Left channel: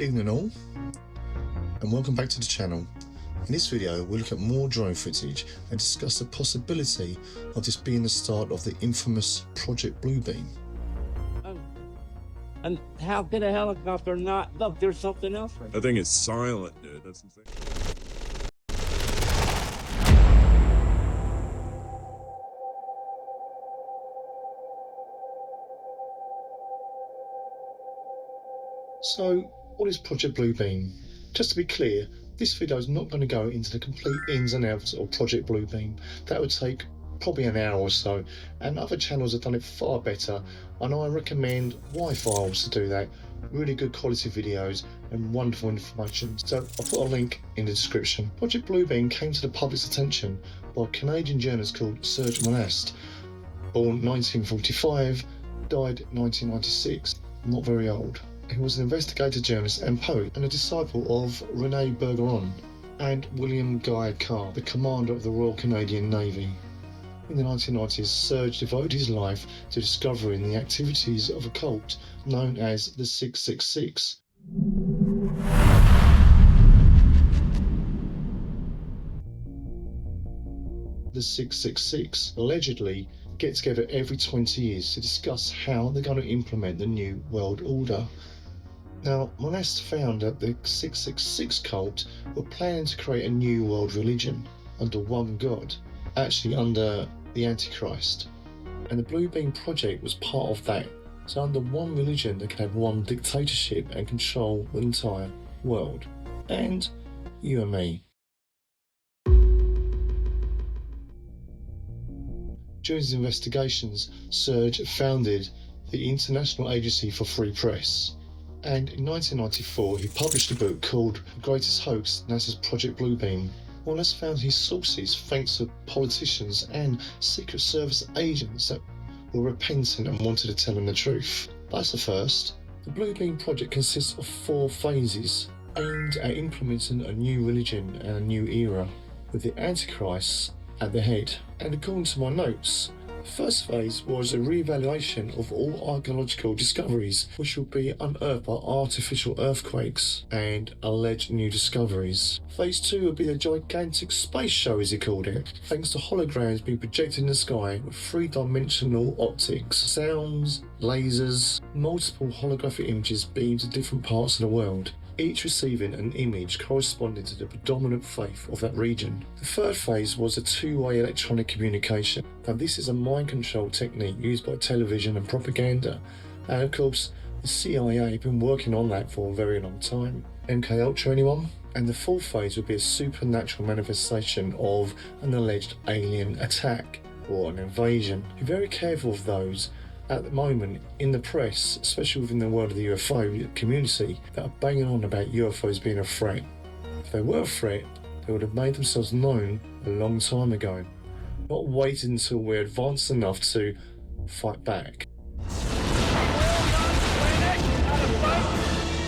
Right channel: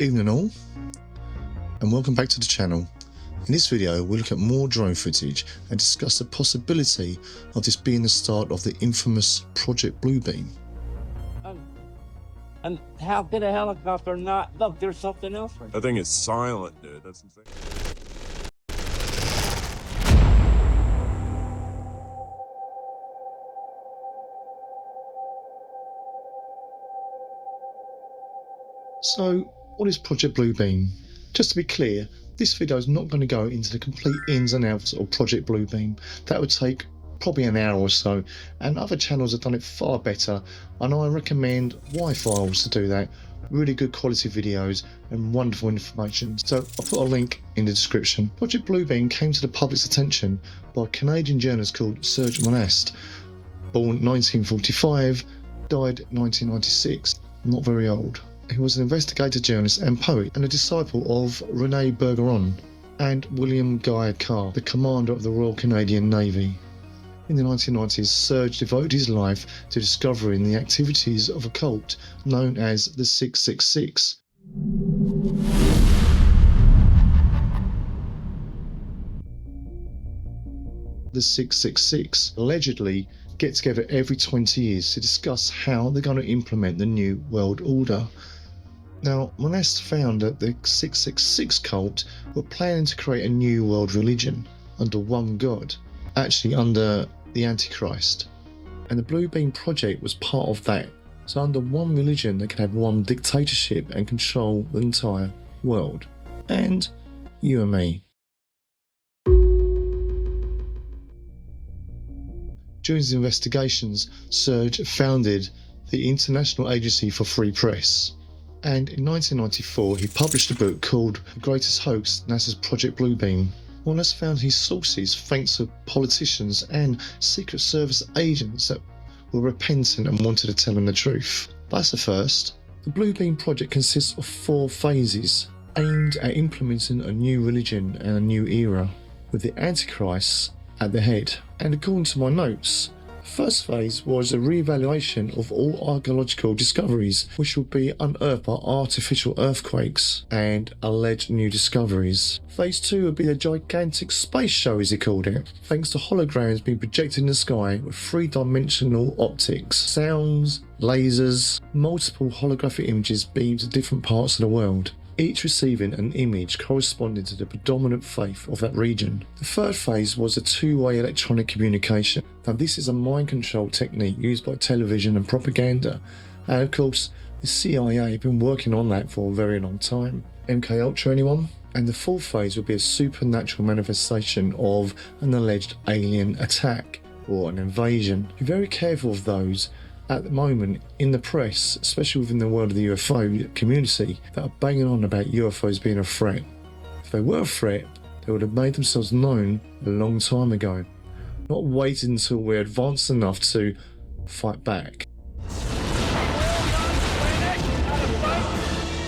Evening all, and welcome back to the channel. In this video we'll look at more drone footage and discuss the possibility of this being the start of the infamous Project Bluebeam. And how could a helicopter not look? There's something else right That thing is silent, dude. That's insane. So, what is Project Bluebeam? Just to be clear, this video is not going to go into the complete ins and outs of Project Bluebeam. That would take probably an hour or so, and other channels have done it far better, and I recommend TheWhyFiles to do that. Really good quality videos and wonderful information. So I'll put a link in the description. Project Bluebeam came to the public's attention by a Canadian journalist called Serge Monast, born 1945, died 1996, not very old. He was an investigative journalist and poet, and a disciple of René Bergeron and William Guy Carr, the commander of the Royal Canadian Navy. In the 1990s, Serge devoted his life to discovering the activities of a cult known as the 666. The 666 allegedly get together every 20 years to discuss how they're going to implement the New World Order. Now, Monast found that the 666 cult were planning to create a new world religion under one God, actually under the Antichrist. And the Bluebeam project was part of that. So under one religion they could have one dictatorship and control the entire world. And you and me. During his investigations, Serge founded the International Agency for Free Press. And in 1994 he published a book called The Greatest Hoax, NASA's Project Bluebeam. Monast found his sources thanks to politicians and Secret Service agents that were repentant and wanted to tell him the truth. That's the first. The Bluebeam project consists of 4 phases aimed at implementing a new religion and a new era, with the Antichrist at the head. And according to my notes, the first phase was a re-evaluation of all archaeological discoveries which would be unearthed by artificial earthquakes and alleged new discoveries. Phase 2 would be a gigantic space show, as he called it, thanks to holograms being projected in the sky with 3-dimensional optics, sounds, lasers, multiple holographic images beamed to different parts of the world, each receiving an image corresponding to the predominant faith of that region. The third phase was a 2-way electronic communication. Now this is a mind control technique used by television and propaganda, and of course the CIA have been working on that for a very long time. MK Ultra, anyone? And the fourth phase would be a supernatural manifestation of an alleged alien attack or an invasion. Be very careful of those at the moment in the press, especially within the world of the UFO community, that are banging on about UFOs being a threat. If they were a threat, they would have made themselves known a long time ago, not waiting until we're advanced enough to fight back.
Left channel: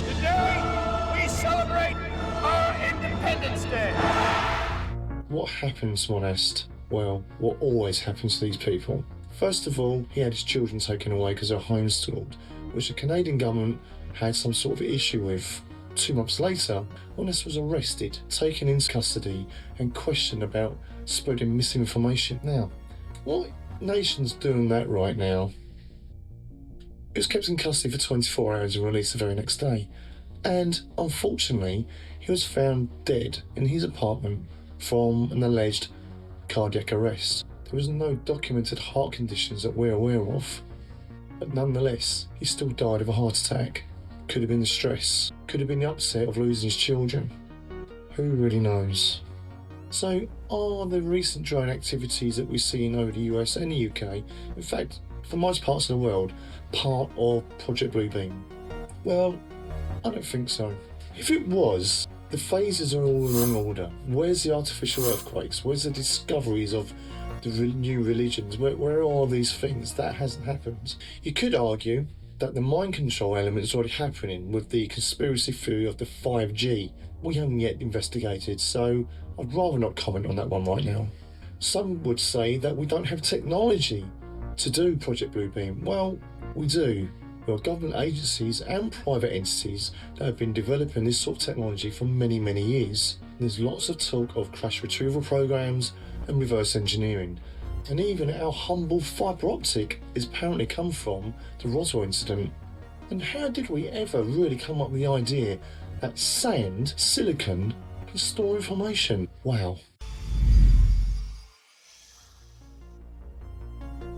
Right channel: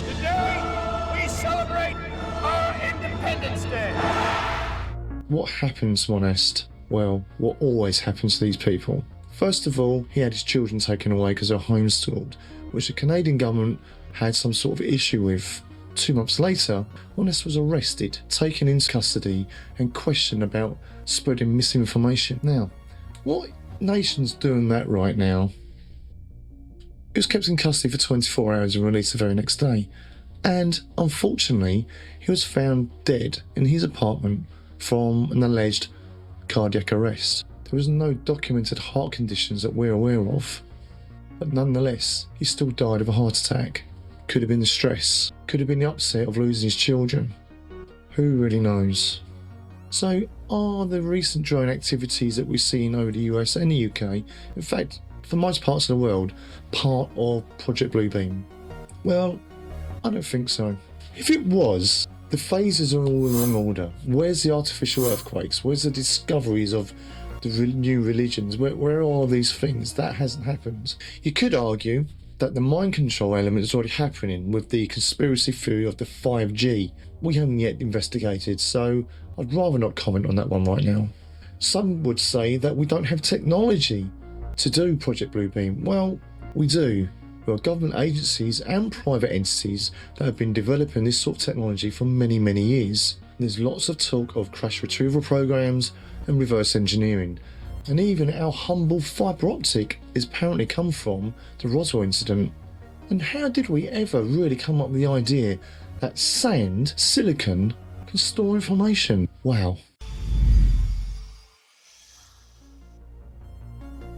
Today we celebrate our Independence Day. What happens, Monast? Well, what always happens to these people? First of all, he had his children taken away because they were homeschooled, which the Canadian government had some sort of issue with. 2 months later, Monast was arrested, taken into custody and questioned about spreading misinformation. Now, what nation's doing that right now? He was kept in custody for 24 hours and released the very next day. And unfortunately, he was found dead in his apartment from an alleged cardiac arrest. There was no documented heart conditions that we're aware of, but nonetheless, he still died of a heart attack. Could have been the stress, could have been the upset of losing his children. Who really knows? So, are the recent drone activities that we've seen over the US and the UK, in fact, for most parts of the world, part of Project Bluebeam? Well, I don't think so. If it was, the phases are all in wrong order. Where's the artificial earthquakes? Where's the discoveries of the new religions? Where are these things? That hasn't happened. You could argue that the mind control element is already happening with the conspiracy theory of the 5G. We haven't yet investigated, so I'd rather not comment on that one right now. Some would say that we don't have technology to do Project Bluebeam. Well, we do. There are government agencies and private entities that have been developing this sort of technology for many, many years. There's lots of talk of crash retrieval programs and reverse engineering. And even our humble fibre optic is apparently come from the Roswell incident. And how did we ever really come up with the idea that sand, silicon, can store information? Wow.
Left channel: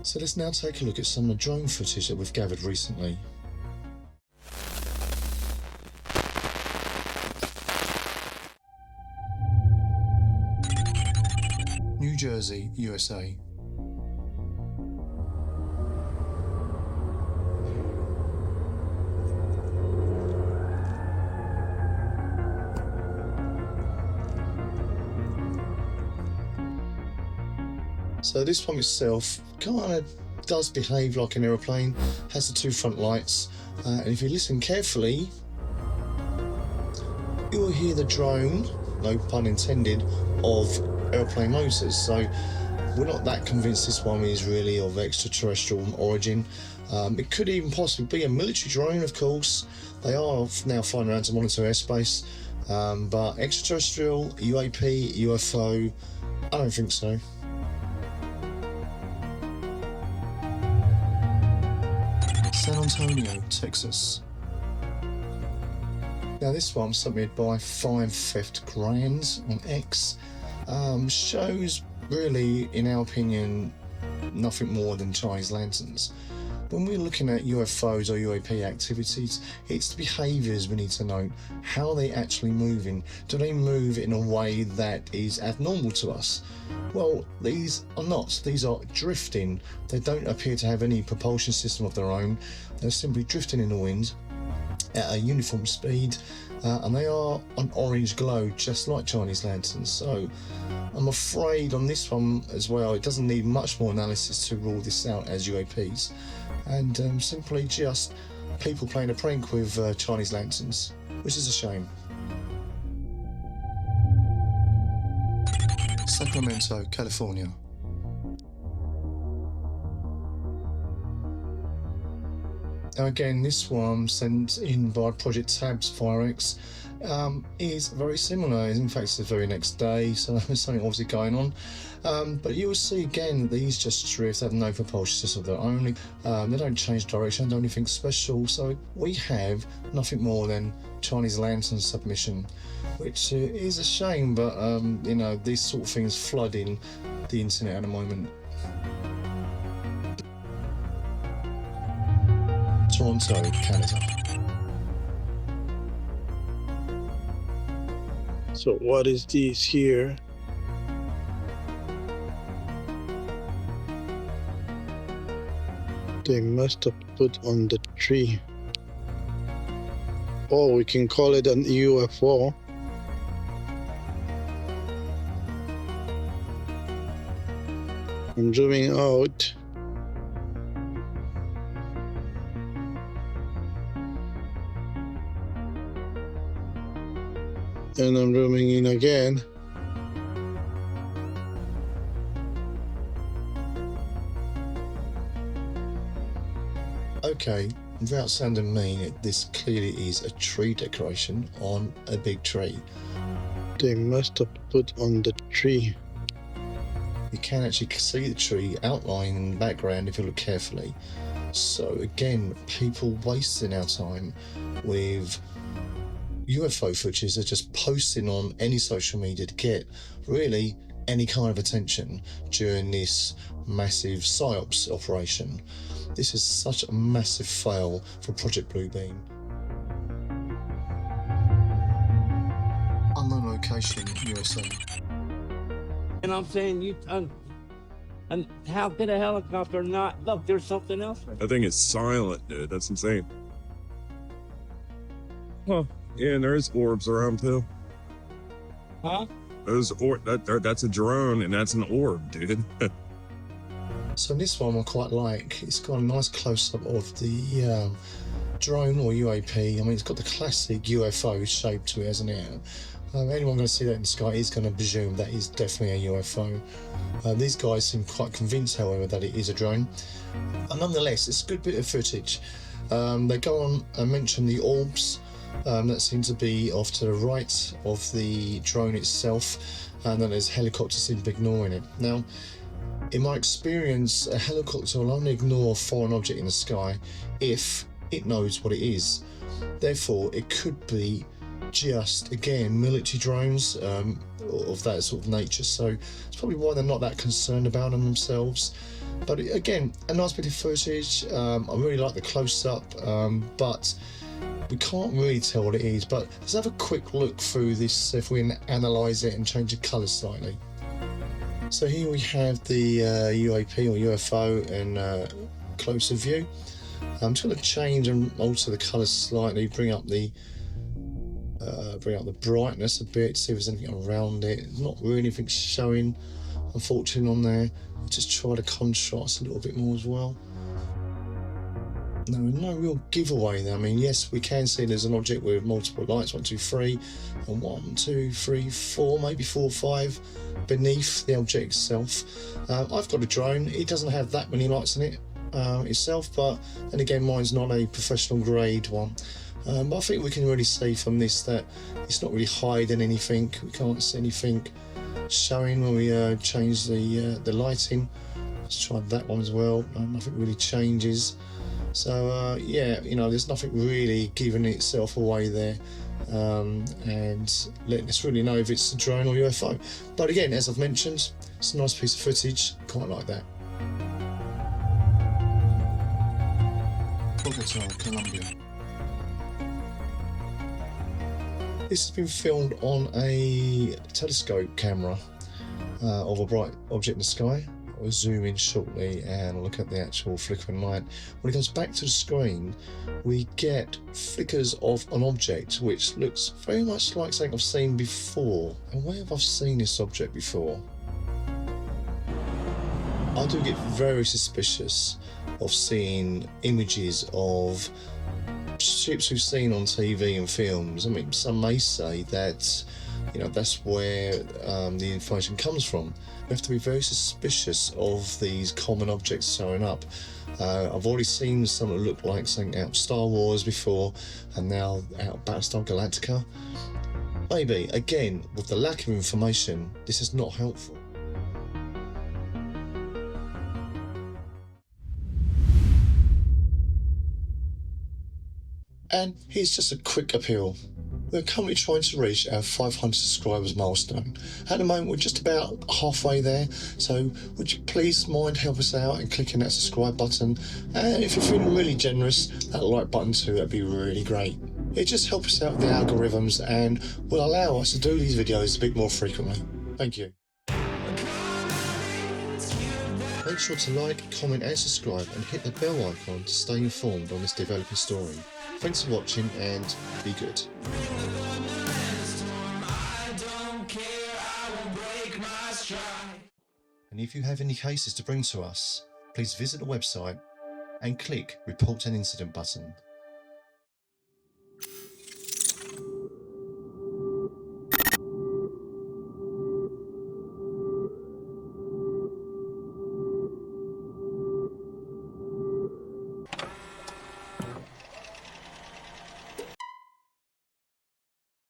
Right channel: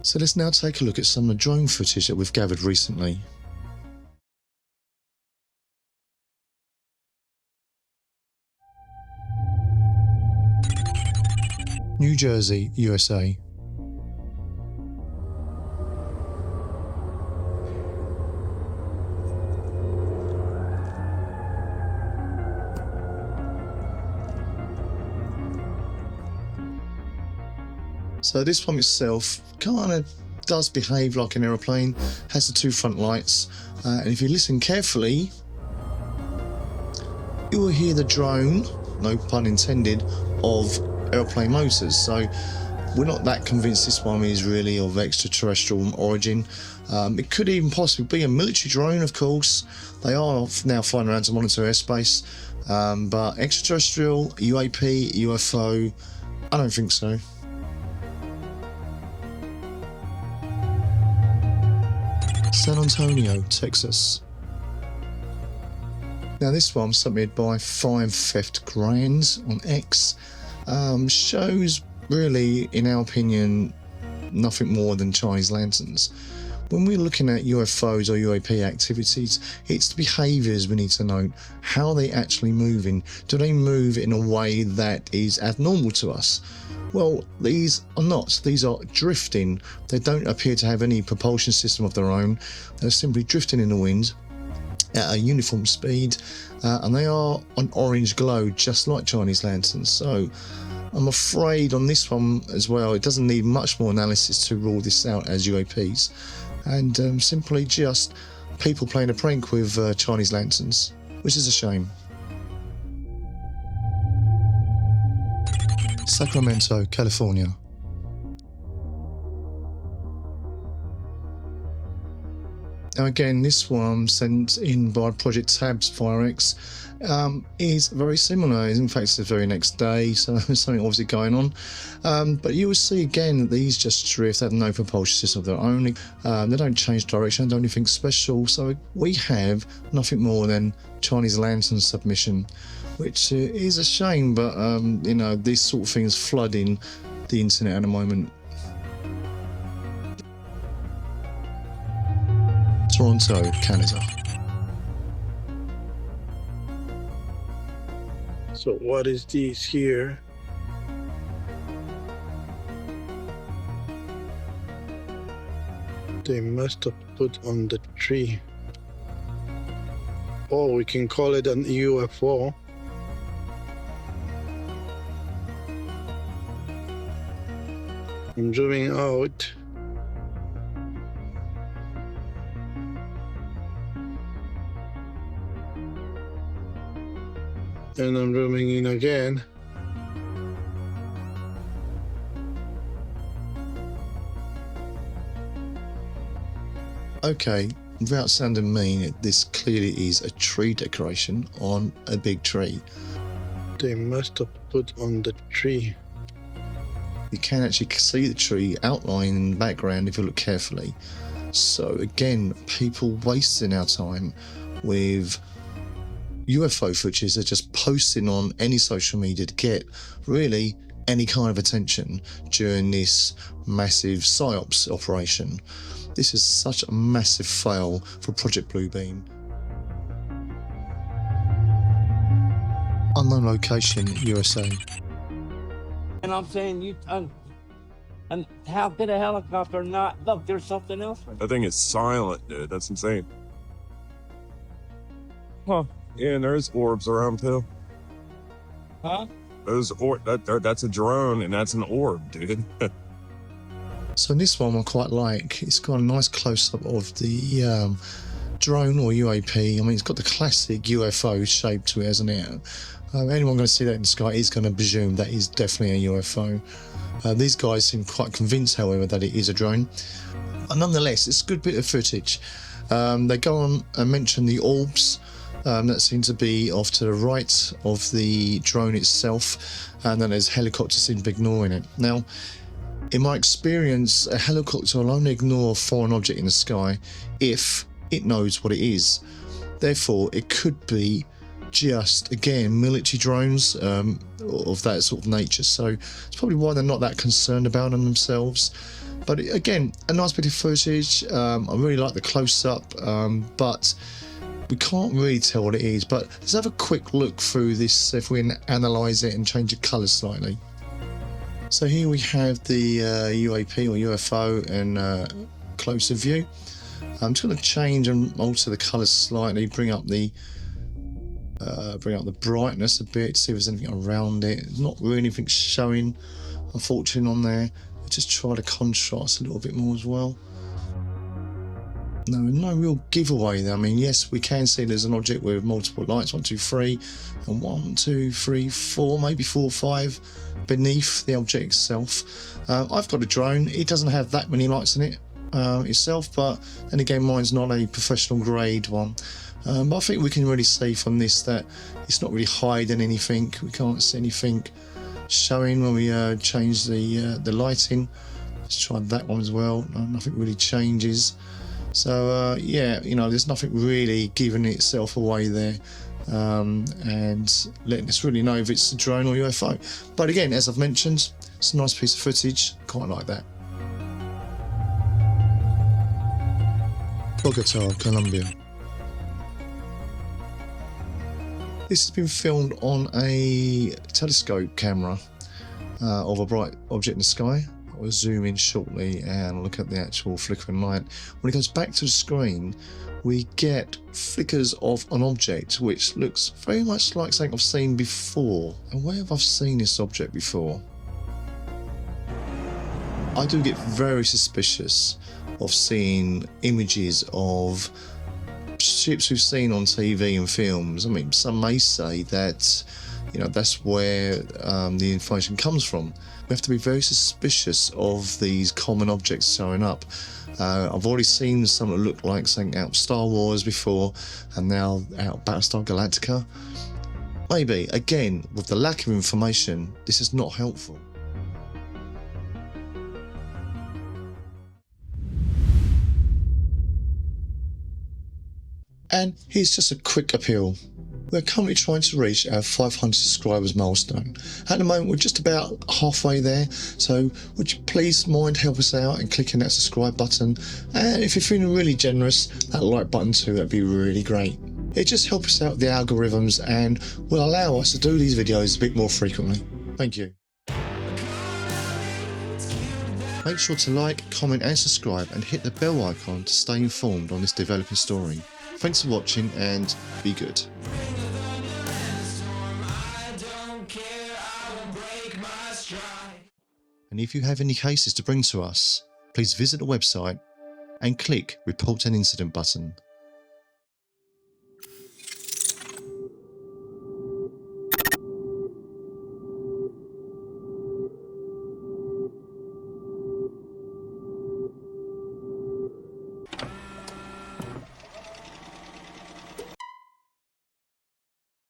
So let's now take a look at some of the drone footage that we've gathered recently. New Jersey, USA. So this one itself kind of does behave like an aeroplane, has the two front lights, and if you listen carefully, you will hear the drone, no pun intended, of aeroplane motors. So we're not that convinced this one is really of extraterrestrial origin. It could even possibly be a military drone, of course. They are now flying around to monitor airspace, but extraterrestrial, UAP, UFO, I don't think so. San Antonio, Texas. Now this one submitted by 5 Theft Grands on X shows really, in our opinion, nothing more than Chinese lanterns. When we're looking at UFOs or UAP activities, it's the behaviours we need to note. How are they actually moving? Do they move in a way that is abnormal to us? Well, these are not. These are drifting. They don't appear to have any propulsion system of their own. They're simply drifting in the wind at a uniform speed, and they are an orange glow, just like Chinese lanterns. So I'm afraid on this one as well, it doesn't need much more analysis to rule this out as UAPs, and simply just people playing a prank with Chinese lanterns, which is a shame. Sacramento, California. Now again, this one sent in by Project Tabs FireX is very similar. In fact, it's the very next day, so there's something obviously going on. But you will see again that these just drift, they have no propulsion system of their own. They don't change direction, don't do anything special. So we have nothing more than Chinese lantern submission, which is a shame, but you know, these sort of things flooding the internet at the moment. Toronto, Canada. So what is this here? They must have put on the tree. Oh, we can call it an UFO. I'm zooming out. And I'm zooming in again. Okay, without sounding mean, this clearly is a tree decoration on a big tree. They must have put on the tree. You can actually see the tree outlined in the background if you look carefully. So again, people wasting our time with UFO footage. They're just posting on any social media to get really any kind of attention during this massive PSYOPs operation. This is such a massive fail for Project Bluebeam. Unknown location, USA. And I'm saying and how could a helicopter not look? There's something else. That thing is silent, dude. That's insane. Huh. Yeah, and there's orbs around too. Huh? That's a drone, and that's an orb, dude. So in this one I quite like. It's got a nice close-up of the drone or UAP. I mean, it's got the classic UFO shape to it, hasn't it? Anyone going to see that in the sky is going to presume that is definitely a UFO. These guys seem quite convinced, however, that it is a drone. Nonetheless, it's a good bit of footage. They go on and mention the orbs that seem to be off to the right of the drone itself, and then there's helicopters seem to be ignoring it. Now, in my experience, a helicopter will only ignore a foreign object in the sky if it knows what it is. Therefore, it could be just, again, military drones of that sort of nature. So it's probably why they're not that concerned about them themselves. But again, a nice bit of footage. I really like the close-up, but we can't really tell what it is. But let's have a quick look through this if we can analyse it and change the colours slightly. So here we have the UAP or UFO in closer view. I'm just going to change and alter the colours slightly, bring up the brightness a bit, see if there's anything around it. There's not really anything showing, unfortunately, on there. Just try to contrast a little bit more as well. No real giveaway there. I mean, yes, we can see there's an object with multiple lights, 1, 2, 3, and 1, 2, 3, 4, maybe 4, 5 beneath the object itself. I've got a drone. It doesn't have that many lights in it itself, but then again, mine's not a professional grade one. But I think we can really see from this that it's not really hiding anything. We can't see anything showing when we change the lighting. Let's try that one as well. Nothing really changes. So yeah, you know, there's nothing really giving itself away there, and letting us really know if it's a drone or UFO. But again, as I've mentioned, it's a nice piece of footage. Quite like that. Bogota, Colombia. This has been filmed on a telescope camera of a bright object in the sky. I'll zoom in shortly and look at the actual flickering light. When it goes back to the screen, we get flickers of an object which looks very much like something I've seen before. And where have I seen this object before? I do get very suspicious of seeing images of ships we've seen on TV and films. I mean, some may say that, you know, that's where the information comes from. We have to be very suspicious of these common objects showing up. I've already seen some that look like something out of Star Wars before, and now out of Battlestar Galactica. Maybe, again, with the lack of information, this is not helpful. And here's just a quick appeal. We're currently trying to reach our 500 subscribers milestone. At the moment, we're just about halfway there, so would you please mind help us out and clicking that subscribe button? And if you're feeling really generous, that like button too, that'd be really great. It just helps us out with the algorithms and will allow us to do these videos a bit more frequently. Thank you. Make sure to like, comment and subscribe and hit the bell icon to stay informed on this developing story. Thanks for watching and be good. And if you have any cases to bring to us, please visit the website and click Report an Incident button.